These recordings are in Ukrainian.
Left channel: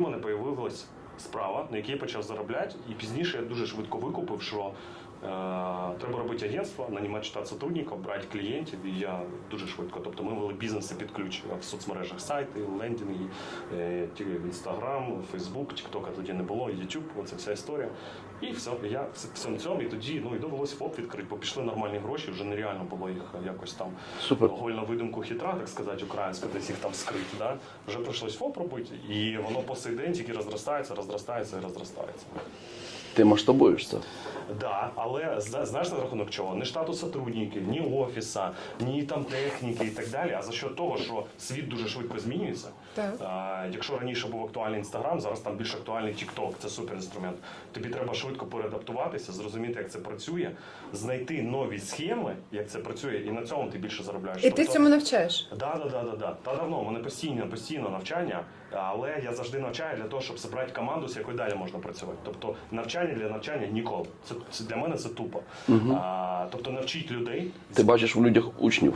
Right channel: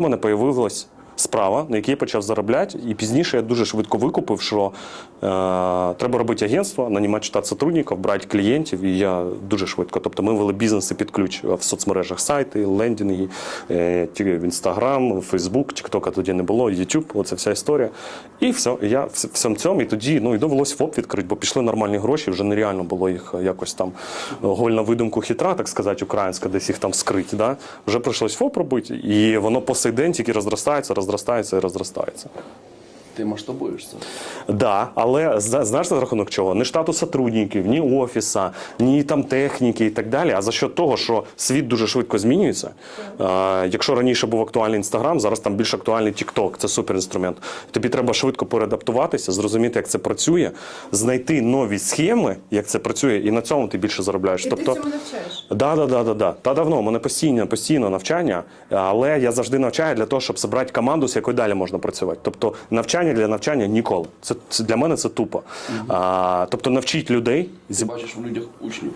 Мене появилась справа, на якій я почав заробляти, і пізніше я дуже швидко викупив, що е, треба робити агентство, нанімати штат сотрудників, брати клієнтів. І я дуже швидко. Тобто ми вели бізнеси під ключ в соцмережах, сайти, лендінги, е, в Інстаграм, Фейсбук, Тіктока тоді не було, Ютуб, оце вся історія. І все, я в цьому, і тоді ну і довелося ФОП відкрити, бо пішли нормальні гроші, вже нереально було їх якось там голь на видумку хитра, так сказати, українська, десь їх там скрити. Да? Вже прийшлось ФОП робити, і воно по сей день тільки розростається, розростається і розростається. Ти масштабуєшся. Да, але знаєш за рахунок чого? Не штату сотрудників, ні офіса, ні там техніки і так далі. А за що того, що світ дуже швидко змінюється. А, якщо раніше був актуальний інстаграм, зараз там більш актуальний TikTok, це суперінструмент. Тобі треба швидко переадаптуватися, зрозуміти, як це працює, знайти нові схеми, як це працює, і на цьому ти більше заробляєш. І ти цьому навчаєш. Да, да, да, да, да. Та давно у мене постійно, постійно навчання, але я завжди навчаю для того, щоб зібрати команду, з якою далі можна працювати. Тобто навчання для навчання ніколи. Це, це для мене це тупо. А, тобто навчить людей Ти бачиш в людях учнів.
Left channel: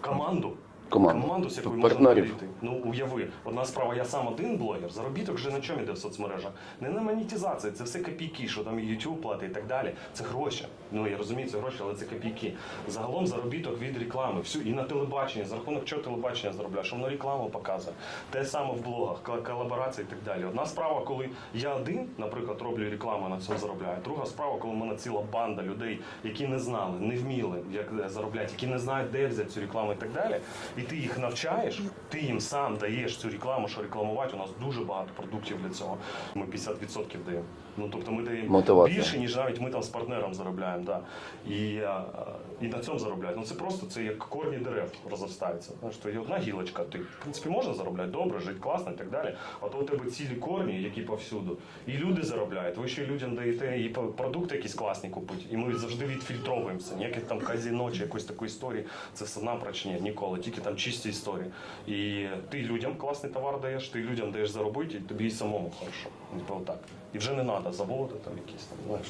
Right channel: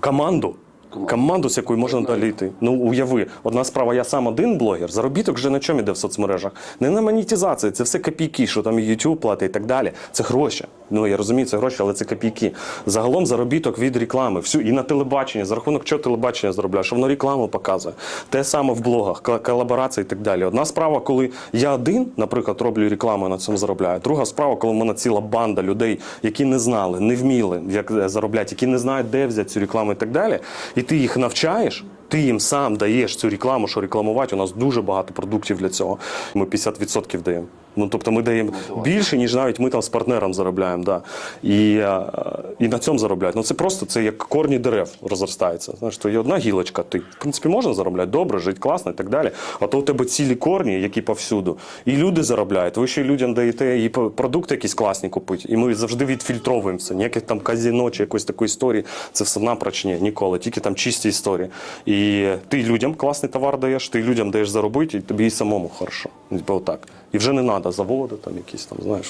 команду. Команду. Команду, з якою можна Партнерів. Ну уяви, одна справа, я сам один блогер. Заробіток вже на чому йде в соцмережах. Не на монетизації, це все копійки, що там і YouTube платить і так далі. Це гроші. Ну я розумію, це гроші, але це копійки. Загалом заробіток від реклами. Всю і на телебаченні, за рахунок чого телебачення заробляє, що воно рекламу показує. Те саме в блогах, кол- колаборації і так далі. Одна справа, коли я один, наприклад, роблю рекламу і на цьому заробляю. Друга справа, коли в мене ціла банда людей, які не знали, не вміли, як е, заробляти, які не знають, де взяти цю рекламу і так далі. І ти їх навчаєш, ти їм сам даєш цю рекламу, що рекламувати. У нас дуже багато продуктів для цього. Ми 50% даємо. Ну тобто ми даємо Мотивація. більше, ніж навіть ми там з партнером заробляємо. Да. І, е, і на цьому заробляють. Ну це просто це як корні дерев розростаються. Знаєш, то є одна гілочка, ти в принципі можна заробляти добре, жити класно і так далі. А то у тебе цілі корні, які повсюду. І люди заробляють. Ви ще людям даєте і продукти якісь класні купити. І ми завжди відфільтровуємо все. Ніяких там казіно чи якоїсь такої історії. Це все напроч ні, ніколи. Тільки там чисті історії. І ти людям класний товар даєш, ти людям даєш заробити, і тобі і самому хорошо. Типу отак. І вже не треба заводи, там якісь там, знаєш.